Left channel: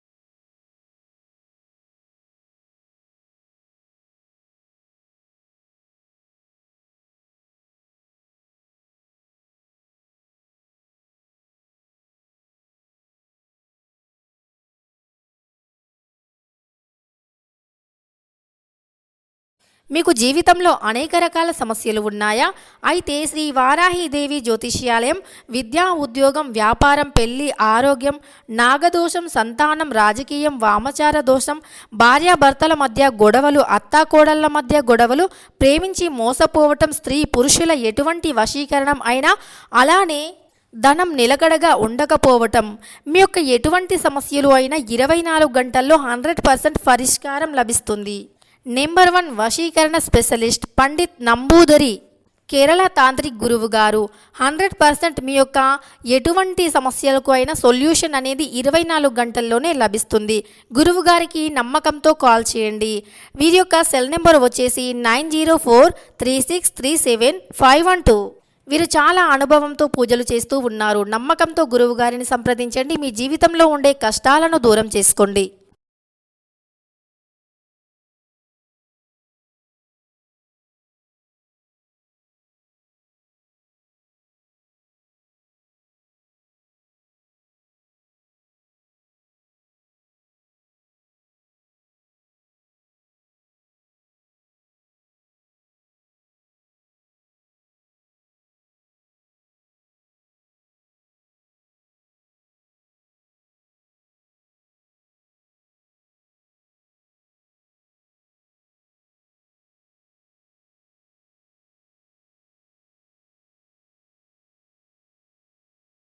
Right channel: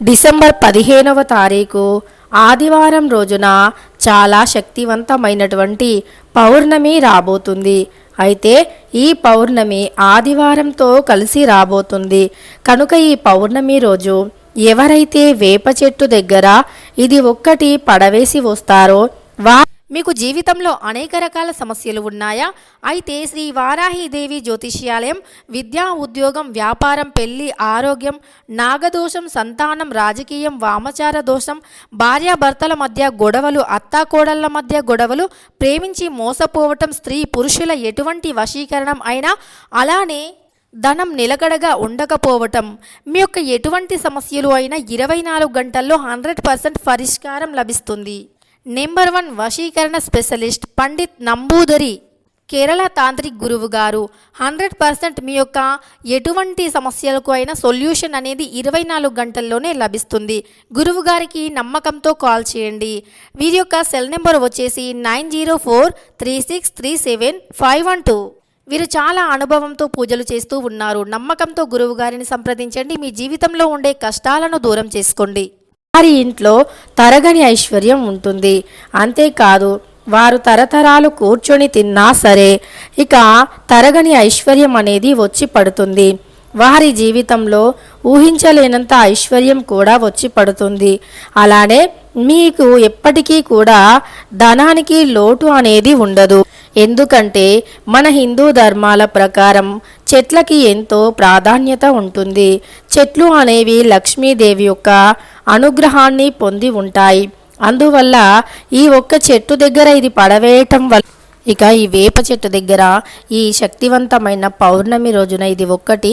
December పదిహేనవ తారీఖు ఆదివారం రోజున చాలా శక్తివంతమైనటువంటి పౌర్ణమి రాబోతుంది. అయితే ఈ పౌర్ణమి ఆదివారంతో కలిసి రాబోతుంది. కనుక ఈ పౌర్ణమి రోజు ఎవరైతే వేప చెట్టు దగ్గర ఇది ఒక్కటి పడవేసి వస్తారో వా మీకు జీవితంలో అనేక రకాల సమస్యలు ఉన్నాయా? అయితే శ్రీ వారాహిదేవి జ్యోతిష్యాలయం విద్యా ఉద్యోగం వ్యాపారం పెళ్ళి ఆరోగ్యం నాగదోషం సంతానం రాజకీయం వామచార దోషం భార్యాభర్తల మధ్య గొడవలు అత్తాకోడళ్ళ మధ్య గొడవలు ప్రేమించి మోసపోవటం స్త్రీ పురుషుల ఎటువంటి వశీకరణం అయినా అలానే ధనం నిలకడగా ఉండకపోవటం మీ యొక్క ఎటువంటి సమస్యలు అయినా ఇరవై నాలుగు గంటల్లో హండ్రెడ్ పర్సెంట్ పరిష్కారం లభిస్తుంది. నెంబర్ వన్ వశీకరణ స్పెషలిస్ట్ పండిత్ నంబూదరి కేరళ తాంత్రిక్ గురువు గారు. హండ్రెడ్ పర్సెంట్ మీ యొక్క ఎటువంటి సమస్యలకు అయినా సొల్యూషన్ అనేది ఇరవై నాలుగు గంటల్లోనే లభిస్తుంది. గురువు గారికి నమ్మకంతో కాల్ చేయండి. వీరి యొక్క సెల్ నెంబర్ వచ్చేసి nine zero four three six three seven five one two. వీరు చాలా అనుభవంతో పూజలు చేస్తూ ఉన్నారు. నమ్మకంతో గురువు గారిని సంప్రదించండి. మీ జీవితంలో ఉండే కష్టాలను దూరం చేసుకోండి. వారి ఇంట్లో తరగని ఐశ్వర్యం ఉంటుంది. అంతేకాదు వారు తరతరాలు కూర్చొని తిన్నా సరే ఇక తరగని ఐశ్వర్యం అనేది వచ్చి పడుతుంది. వారి జీవితంలో ఊహించలేనంత ఐశ్వర్యం కూడా వచ్చి పడుతుంది. అలానే మీకు ఎప్పటికీ కూడా ధనానికి లోటు అనేది ఉండదు. ఎందుకంటే మన హిందూ ధర్మాల ప్రకారం చెట్లకి ఎంతో ప్రాధాన్యత ఉంటుంది. చెట్లు అనేవి లక్ష్మీదేవి యొక్క అనుగ్రహాన్ని పొంది ఉంటాయి. అందువల్ల ఈ ఒక్క చెట్టు దగ్గర ఇది పడవేయటం వల్ల ఇక ఈ వేప చెట్టు దగ్గర ఈ శక్తివంతమైన పౌర్ణమి రోజున ఇది ఒక్కటి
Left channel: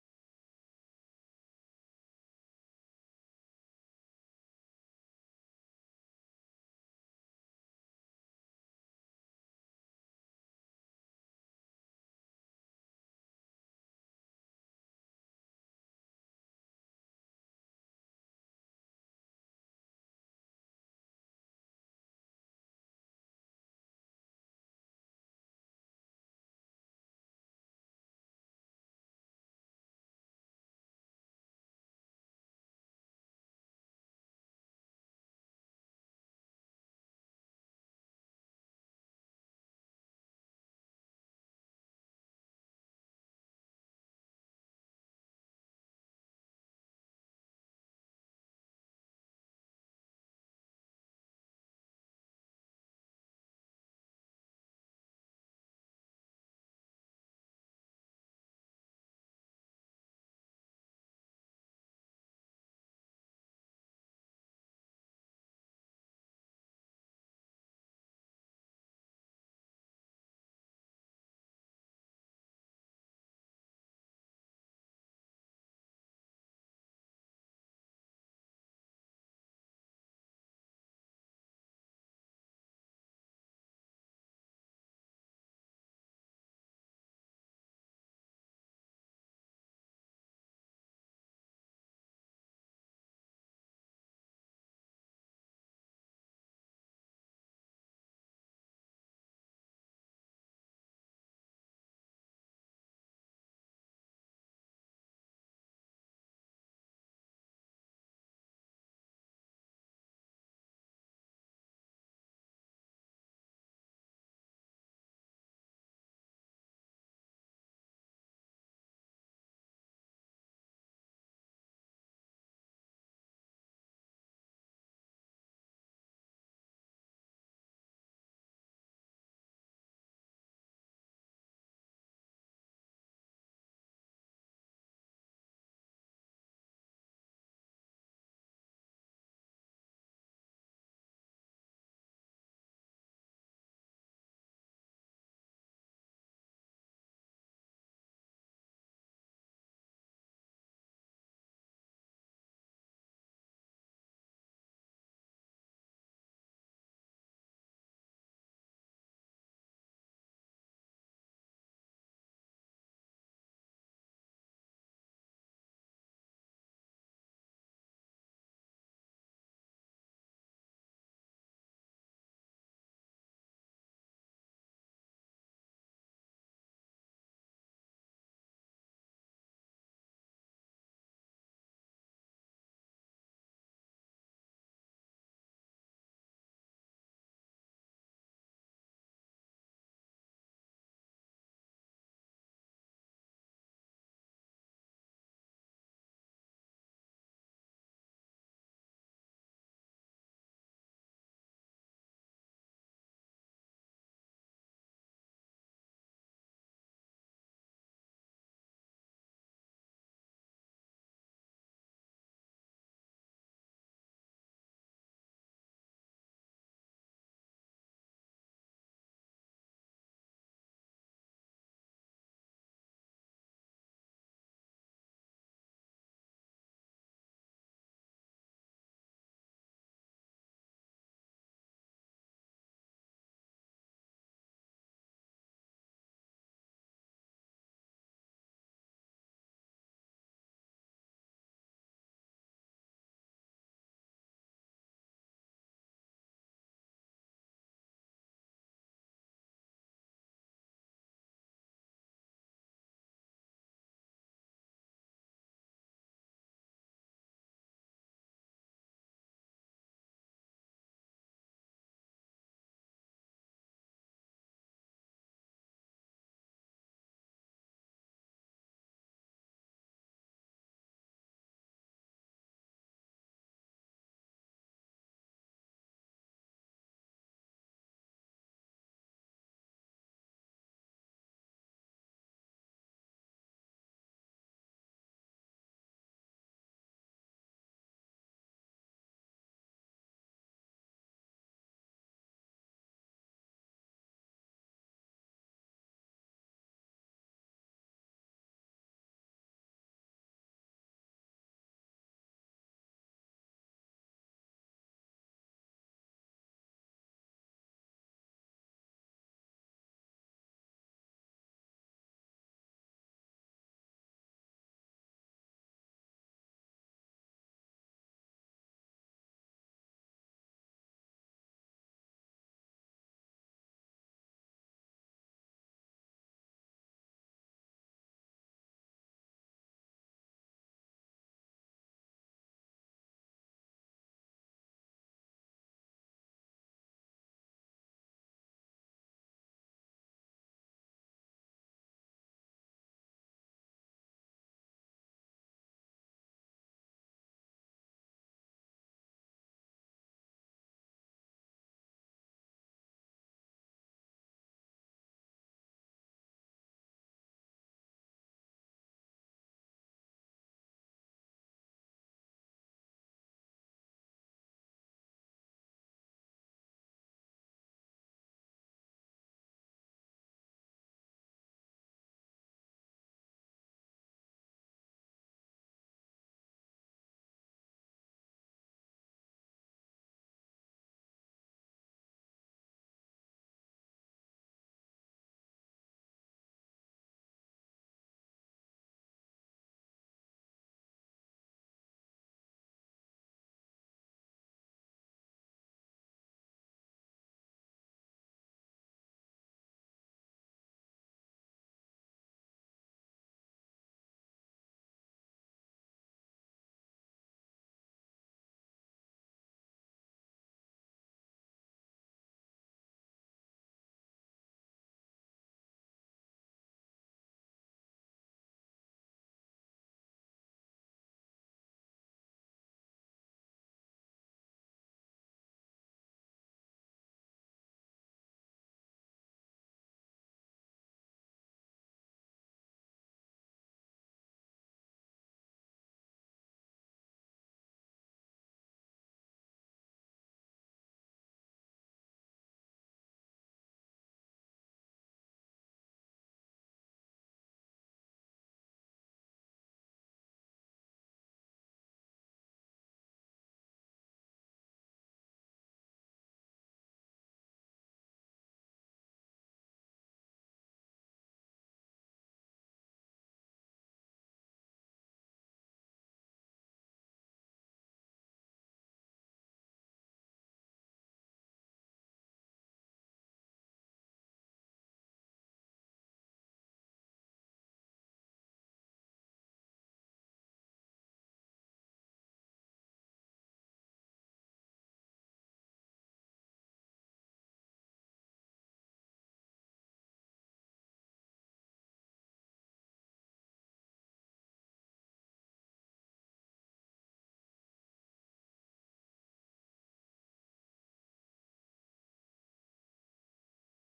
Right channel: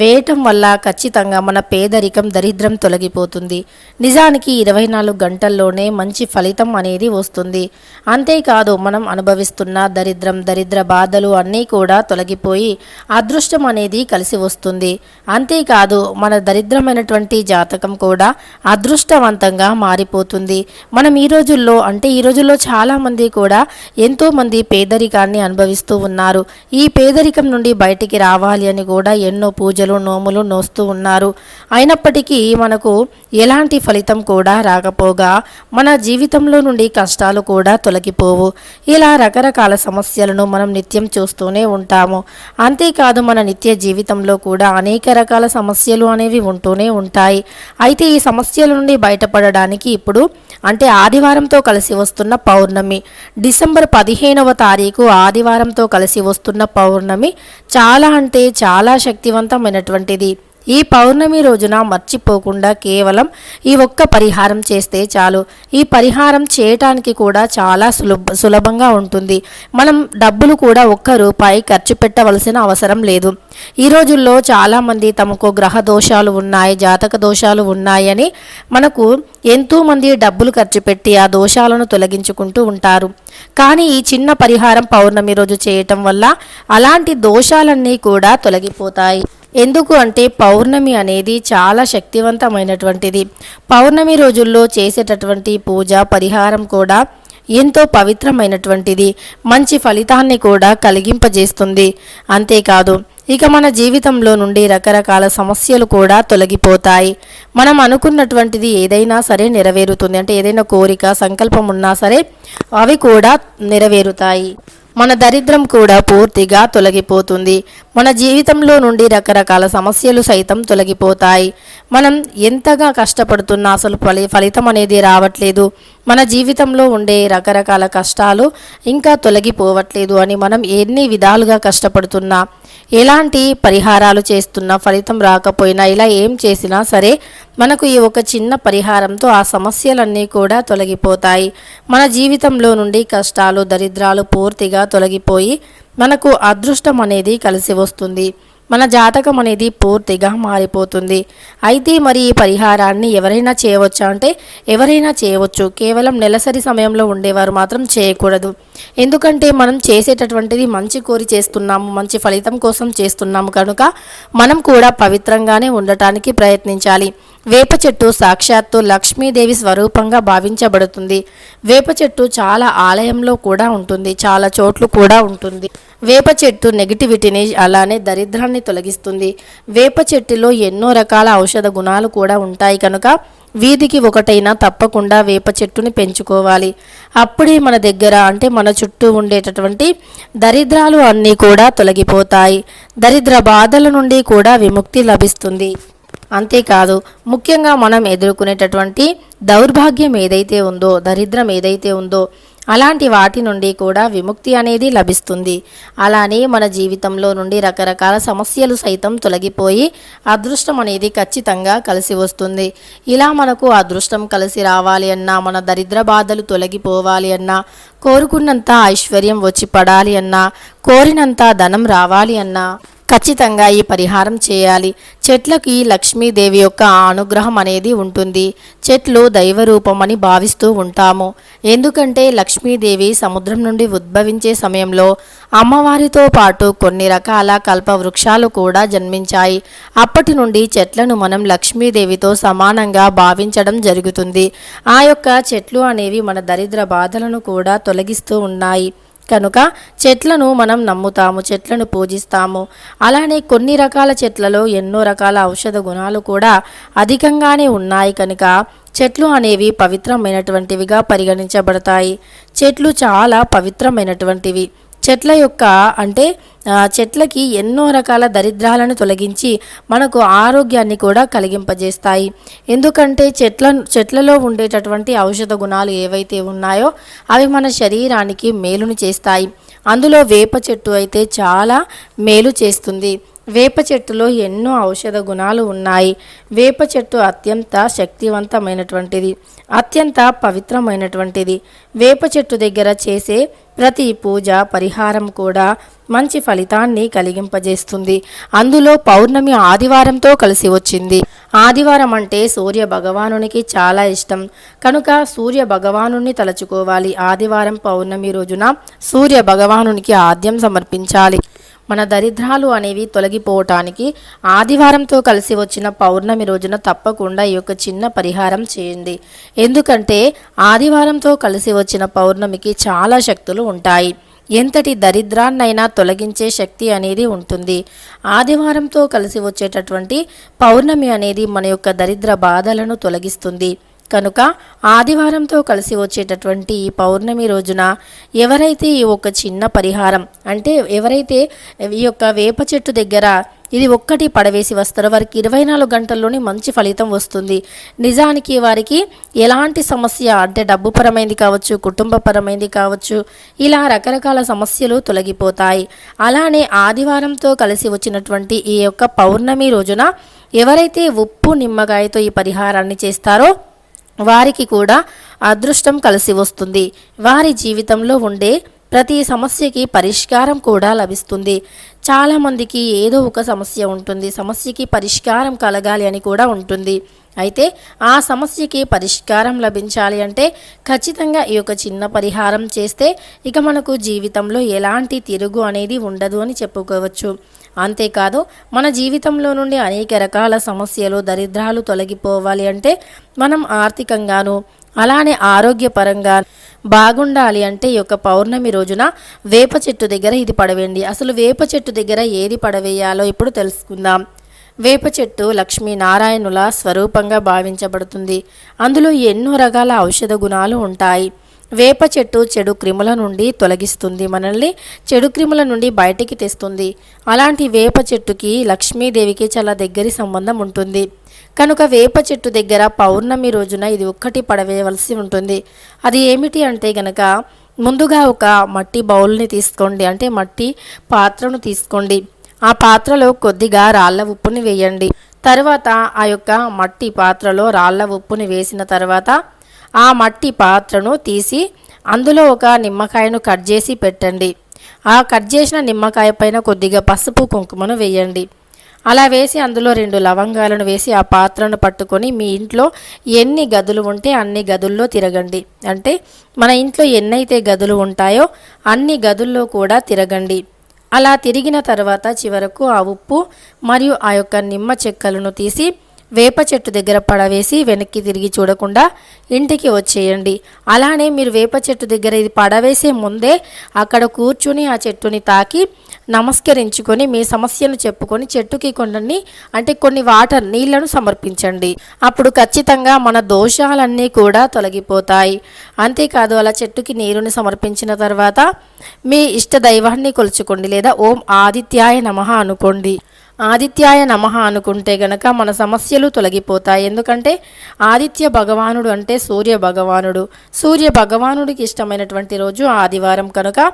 వేయటం వల్ల ఖచ్చితంగా మన పేదరికం దరిద్రం తొలగిపోతుంది. నిజానికి ఇరవై నాలుగు గంటల్లోనే మంచి ఫలితం అనేది వస్తుంది. అంతేకాదు మనం అనుభవిస్తున్న దరిద్రం దరిద్ర బాధలు అన్నీ కూడా తొలగిపోయి అదృష్టం అనేది కలిసి వస్తుంది. అంతేకాదు మన దరిద్రమైనటువంటి జాతకం కూడా అదృష్టవంతంగా మారిపోతుంది. మనం ఈ రోజుల్లో అంటే ఈ రోజుల్లో చాలామంది కూడా ఎంతోమంది పేదరికాన్ని అనుభవిస్తూ ఉన్నారు. ఈ పేదరికం నుండి బయటికి రావాలి అని కూడా ఎన్నో పూజలు నోములు నోస్తూ ఉన్నారు. అయినప్పటికీ మనకు ఎలాంటి ఫలితం కూడా రాకపోగా మన జీవితంలో నుండి కష్టాలు కూడా తొలగిపోవు. ఇలా రకరకాల సమస్యలను మనం నిత్యం చూస్తూనే ఉంటాము. అంతేకాదు మన నిత్య జీవితంలో కూడా అనేక రకాల సమస్యలు అనేవి ఉంటూనే ఉంటాయి. అయితే ఈ సమస్యల నుండి బయటపడడానికి ఇప్పుడు అంటే ఆదివారంతో కలిసి వస్తున్న పౌర్ణమి డిసెంబర్ పదిహేనవ తారీఖు ఆదివారంతో కలిసి వస్తున్న పౌర్ణమి చాలా అంటే చాలా శక్తివంతమైనటువంటిది. ఈ పౌర్ణమి రోజున మర్చిపోకుండా కేవలం ఈ ఒక్క పరిహారం చేస్తే చాలు. ఈ పరిహారం చేయటానికి కూడా చాలా సులభ సులభంగా ఉంటుంది. మనం డబ్బులు కూడా ఒక్క రూపాయి ఖర్చు పెట్టవలసిన అవసరం లేదు. ఈ రోజుల్లో చాలామంది తమకు గ్రహ దోషాలు ఉన్నాయి జాతక దోషాలు ఉన్నాయని మనకు ఎంతోమంది డబ్బులు ఖర్చు పెట్టి ఆ దోషాలను తొలగించుకుంటూ ఉంటారు. కానీ ఈ చిన్న పరిహారం పౌర్ణమి రోజు చేయటం వల్ల అలాంటి దోషాలన్నీ కూడా తొలగిపోతాయి. ఎందుకు అంటే పౌర్ణమి అనేది చాలా శక్తివంతమైనటువంటిది. పౌర్ణమి రోజుల్లో చేసేటటువంటి పూజ పరిహారం కూడా ఎంతో పవిత్రమైనటువంటిది. మంచి ఫలితాన్ని కూడా కలిగింపజేస్తుంది. అంతేకాదు ఇక మన జీవితంలో నుండి రకరకాల సమస్యలు కూడా తొలగిపోతాయి. మనం అనుకున్నటువంటిది ఏదైనా సరే నెరవేరుతుంది. అంటే ఏదైనా కోరిక సంకల్పం ఉన్నా సరే అవి కూడా నెరవేరుతాయి. మన దరిద్రం కూడా పూర్తిగా తొలగిపోతుంది. మన జీవితంలో నుండి రకరకాల సమస్యలు సైతం తొలగిపోతాయి. మనం ఎంతగా కష్టపడుతున్నా అసలు ఫలి ఫలితం అనేది రావట్లేదు. మన జీవితంలో ఉండే రకరకాల కష్టాలు ఇంకా తొలగిపోవట్లేదు అని మనం ఎన్ని విధాలుగా కష్టపడుతున్నా ఎలాంటి పరిహారాలు చేస్తున్నా ఫలితం రాకపోయినా ఇలా ఏం చేసినా సరే మనకు ఈ ఒక చిన్న పరిహారంతో ఆ సమస్యలన్నీ కూడా తొలగిపోతాయి. మన జీవితంలో నుండి కష్టాలు దరిద్రాలు పూర్తిగా తొలగిపోయి మనకు అదృష్టం అనేది కలిసి వస్తుంది. మన జాతకం అనేది పూర్తిగా మారిపోతుంది. అయితే మరి ఈ పరిహారాన్ని ఎవరైనా చేయవచ్చా అంటే ఎవరైనా చేయవచ్చు. కేవలం నెలసరి సమయంలో ఉండేవారు మాత్రం చేయకూడదు. ఎందుకంటే మనం చేసేటటువంటిది మంచి కోరి చేస్తున్నాము మంచి ఫలితం కోసం చేస్తున్నాము కనుక మనం కూడా పవిత్రంగానే ఉండటానికి ప్రయత్నించాలి. వేప చెట్టు సాక్షాత్తు లక్ష్మీదేవి స్వరూపంగా భావించబడుతుంది. వేప చెట్టు చాలా ఆలయంలో కూడా ఉంటుంది చాలా చోట్లు కూడా ఉంటుంది. వేప చెట్టు నెగిటివిటీని అలానే దరిద్రాన్ని తొలగిస్తుంది. వేప చెట్టులో ఎన్నో రకాల ఔషధ గుణాలు కూడా ఉంటాయి కనుక వీధికి ఒకటైనా తప్పకుండా వేప చెట్టుని పెంచుకోవాలి. అప్పుడే మన దగ్గర అంటే మన చుట్టూ ఉండేటటువంటి దరిద్రాలు అన్నీ కూడా తొలగిపోతాయి. దరిద్ర బాధల నుండి కూడా విముక్తి లభిస్తుంది. అంతేకాదు ముఖ్యంగా మనం ఎదుర్కొనేటటువంటి దౌర్భాగ్యం ఏదైతే ఉందో దరిద్రం ఏదైతే ఉందో అలాంటి వాటి నుండి కూడా విముక్తి అనేది లభిస్తుంది. అలానే మన జీవితంలో నుండి రకరకాల సమస్యలు సైతం తొలగిపోయి అదృష్టం అనేది ఖచ్చితంగా కలిసి వస్తుంది. ఇలా మనకు అదృష్టం కలిసి రావాలి అన్నా మన దరిద్ర బాధలు తొలగిపోవాలి అన్నా కోరుకున్నంత ఐశ్వర్యం వచ్చి పడాలి అన్నా కోరినంత ధనం రావాలి అన్నా ఖచ్చితంగా ఈ పరిహారం చేయాలి. చెట్లకి లక్ష్మీదేవి యొక్క అనుగ్రహం అనేది ఉంటుంది. చెట్లు దైవరూపం అని భావిస్తూ ఉంటాము. ఎందుకంటే లక్ష్మీదేవి సముద్రం నుండి ఉద్భవించే సమయంలో అమ్మవారితో పాటు కొన్ని రకాల కల్ప వృక్షాలు కూడా జన్మించాయి. అప్పటి నుండి చెట్లను మనం లక్ష్మీదేవితో సమానంగా భావించడం జరుగుతుంది. ఆ యొక్క చెట్లు అనేవి మన దరిద్ర బాధలను కూడా తొలగిస్తూ ఉన్నాయి. కనుక చెట్లను మనం నమ్ముతాము చెట్లను పూజిస్తాము. అలానే కొన్ని రకాల చెట్లలో ఎన్నో రకాల ఔషధ గుణాలు కూడా అధికంగానే ఉన్నాయి. కనుక చెట్లు అనేవి పవిత్రమైనటువంటివిగా పరిగణించబడతాయి. చెట్లు చాలా పవిత్రమైనటువంటివి. చెట్ల యొక్క అంటే చెట్లకి ఎన్నో రకాల దరిద్రాలను తొలగించి మనకు ఆరోగ్యాన్ని కూడా కలిగింపజేస్తాయి. ఎందుకంటే చెట్ల చెట్లలో ఉండేటటువంటి ఔషధ గుణాలు ఏవైతే ఉన్నాయో అవి మన శరీరానికి మేలుని చేస్తాయి. అందులో వేప చెట్టు అయితే చాలా మేలు చేస్తుంది. వేప చెట్టులో ఎన్నో ఔషధ గుణాలు ఉన్నాయి. వేప చెట్టు అత్యంత శక్తివంతమైనటువంటిది అత్యంత పవిత్రమైనటువంటిది. వేప చెట్టు దగ్గర చేసే ప్రతి పూజ పరిహారం కూడా మంచి ఫలితాన్ని కలిగింపజేస్తుంది. అందులో పౌర్ణమి ఆదివారంతో కలిసి వచ్చింది. ఆదివారం అంటే సూర్య భగవానునికి చాలా ఇష్టం. కనుక సూర్య భగవానుని తలుచుకోవాలి. ఆదివారం పౌర్ణమి రోజున సూర్య భగవానునికి ఆద్యం సమర్పించాలి. మన దరిద్రాలు అనేవి తొలగిపోవటానికి ఆదివారంతో కలిసి వచ్చిన పౌర్ణమి రోజున తప్పకుండా ఈ యొక్క చిన్న పరిహారం చేయండి. ఎందుకంటే ఆదివారంతో కలిసి వచ్చిన పౌర్ణమికి చాలా శక్తులు ఉంటాయి. ఎంతటి దరిద్రాన్నైనా తొలగించే శక్తి అనేది ఉంటుంది. ఆదివారంతో కలిసి వచ్చేటటువంటి పౌర్ణమి అనేది మన యొక్క దరిద్ర బాధలను తొలగిస్తుంది. కనుక ఆదివారంతో కలిసి వచ్చేటటువంటి ఈ పౌర్ణమి రోజున ఎవరైతే ఈ ఒక చిన్న పరిహారం అంటే ఎవరైతే ఈ యొక్క వేప చెట్టు దగ్గర ఇది ఒక్కటి పడవేసి వస్తారో వారికి ఇరవై నాలుగు గంటల్లోనే మంచి ఫలితం వస్తుంది. నిజానికి వారికి ఎలాంటి సమస్య అంటే డబ్బు పరమైంది కావచ్చు కుటుంబపరమైంది కావచ్చు ఇలా రకరకాల సమస్యలు తొలగిపోతాయి. అలానే ఆదివారంతో కలిసి వచ్చినటువంటి ఈ యొక్క పౌర్ణమి రోజున ఎవరైతే ఉప్పు నిమ్మకాయతో ఈ పరిహారాన్ని చేస్తారో వారికి కూడా అదృష్టం కలిసి వస్తుంది. వారి జీవితంలో ఉండే ప్రతి సమస్యకి పరిష్కారం కూడా లభిస్తుంది. చాలామందికి ఏదో ఒక సమస్య ఉంటుంది. సమస్యకి పరిష్కారం కలగాలి అని కూడా ఉంటుంది. అయితే ఆ సమస్యకి పరిష్కారం లభించాలి అంటే ఖచ్చితంగా ఈ యొక్క చిన్న పరిహారం చేస్తే ఇక మనకు జీవితంలో ఎలాంటి తిరుగు అనేది ఉండదు అని చెప్పుకోవచ్చు. అంతేకాదు మన జీవితంలో నుండి అనేక రకాల సమస్యలు దరిద్రాలు తొలగిపోవాలి అంటే మనం ఆర్థికంగాను అలానే ఆరోగ్యపరంగా బాగుండాలి అంటే ఈ యొక్క పౌర్ణమి రోజున వేప చెట్టు దగ్గర ఇది పడవేయండి. అసలు వేప చెట్టు దగ్గర ఏది పడవేయాలో ఇప్పుడు తెలుసుకుందాం. వేప చెట్టు లక్ష్మీనారాయణుల స్వరూపంగా భావించబడుతుంది. అందులో ఎన్నో రకాల ఔషధ గుణాలు ఉంటాయి. వేప చెట్టు చెడు క్రిముల నుండి తొలగిస్తుంది మనల్ని చెడు క్రిముల నుండి బయటికి తెస్తుంది. అలాంటి వేప చెట్టుకి లక్ష్మీదేవికి చాలా దగ్గరి సంబంధం ఉంటుంది. కనుక వేప చెట్టు దగ్గర పౌర్ణమి రోజున ఇది ఒక్కటి పడవేయవలసి ఉంటుంది. అది ఏమిటి అంటే గనక ముందుగా ఒక మట్టి బౌల్ని తీసుకోండి. అంటే మట్టి పాత్రను తీసుకోండి. ఆ పాత్రలో కొద్దిగా రాళ్ళ ఉప్పుని వేయండి. తర్వాత ఆ యొక్క మట్టి పాత్రలో రాళ్ళ ఉప్పుని వేసిన తర్వాత ఆ మట్టి పాత్రను తీసి అందులో ఒక నిమ్మకాయను కట్ చేసి పెట్టండి. ఆ కట్ చేసిన నిమ్మకాయ పైన కొద్దిగా పసుపు కుంకుమను వేయండి. అలా వేసి అందులో రెండు లవంగాలను వేసి ఆ పాత్రను పట్టుకొని మీ ఇంట్లో ఎన్ని గదులు ఉంటే అన్ని గదుల్లో తిరగండి. అంటే మన ఇంట్లో ఎన్నైతే గదులు ఉంటాయో అన్ని గదుల్లో కూడా తిరగండి. అలా తిరిగిన తర్వాత చివరకు ఆ ఉప్పు మరియు ఆ యొక్క నిమ్మ చెక్కలను తీసి వేప చెట్టు దగ్గర పడవేసి వెనక్కి తిరిగి చూడకుండా ఇంటికి వచ్చేయండి. అలానే మీరు వేప చెట్టు దగ్గర ఇది పడవేసే ముందే అక్కడ కూర్చుని ఆ చెట్టుని తాకి నమస్కరించుకొని మీ సమస్యను చెప్పుకొని చెట్టుకి కొన్ని అంటే కొన్ని వాటర్ నీళ్ళను సమర్పించండి. అప్పుడు ఖచ్చితంగా మన దోషాలన్నీ కూడా తొలగిపోతాయి. అంతేకాదు అలా చెట్టుకి నీరుని సమర్పించిన తర్వాత మీ ఇష్ట దైవాన్ని కొలుచుకోండి లేదా ఓం ఆదిత్యాయ నమః అనుకోండి. ఆదిత్యాయ నమః అనుకుంటే గనక మన సమస్యలు తొలగిపోతాయి. ఎందుకంటే ఆదిత్య భగవానుడు అంటే సూర్య భగవానుడు. సూర్య భగవానుడికి ఇష్టమైనటువంటి రోజు ఆదివారం. కనుక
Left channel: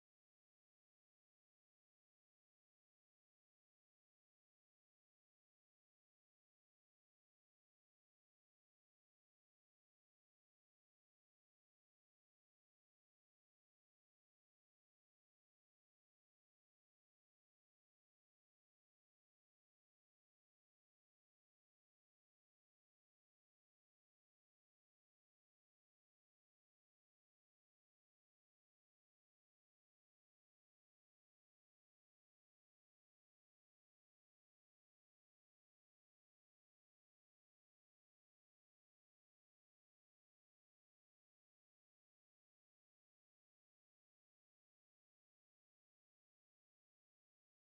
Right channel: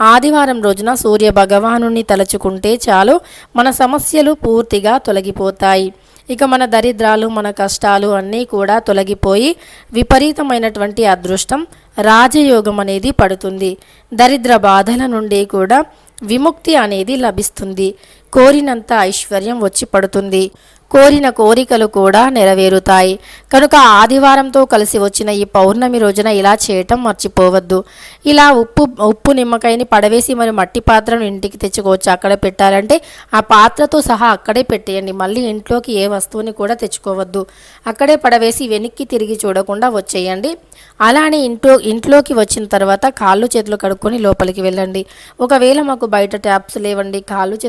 ఆదివారం రోజున సూర్య భగవానుని తలుచుకుంటే చాలు మన సమస్యలు పూర్తిగా తొలగిపోతాయి. ఇక మన దరిద్రాలు మన కష్టాలు అన్నీ కూడా తొలగిపోయి విపరీతమైనటువంటి అదృష్టం రాజయోగం అనేది పడుతుంది. దరిద్ర బాధల నుండి కూడా విముక్తి అనేది లభిస్తుంది. కోరినంత ఐశ్వర్యం వచ్చి పడుతుంది. కోరిన కోరికలు కూడా నెరవేరుతాయి. కనుక ఆదివారంతో కలిసి వచ్చిన ఈ పౌర్ణమి రోజున ఇలా చేయటం మర్చిపోవద్దు. ఇలా ఉప్పు ఉప్పు నిమ్మకాయని పడవేసి మరి మట్టి పాత్రను ఇంటికి తెచ్చుకోవచ్చు అక్కడ పెట్టాలంటే ఆ పాత్రతో సహా అక్కడే పెట్టేయండి. మళ్ళీ ఇంట్లోకి ఏ వస్తువుని కూడా తెచ్చుకోవద్దు. అక్కడే పడవేసి వెనక్కి తిరిగి చూడకుండా వచ్చేయండి. అలానే ఇంట్లో ఇంట్లోకి వచ్చిన తర్వాత కాళ్ళు చేతులు కడుక్కొని లోపలికి వెళ్ళండి. ఒకవేళ మాకు బయట ట్యాప్స్ లేవండి కాళ్ళు చేతులు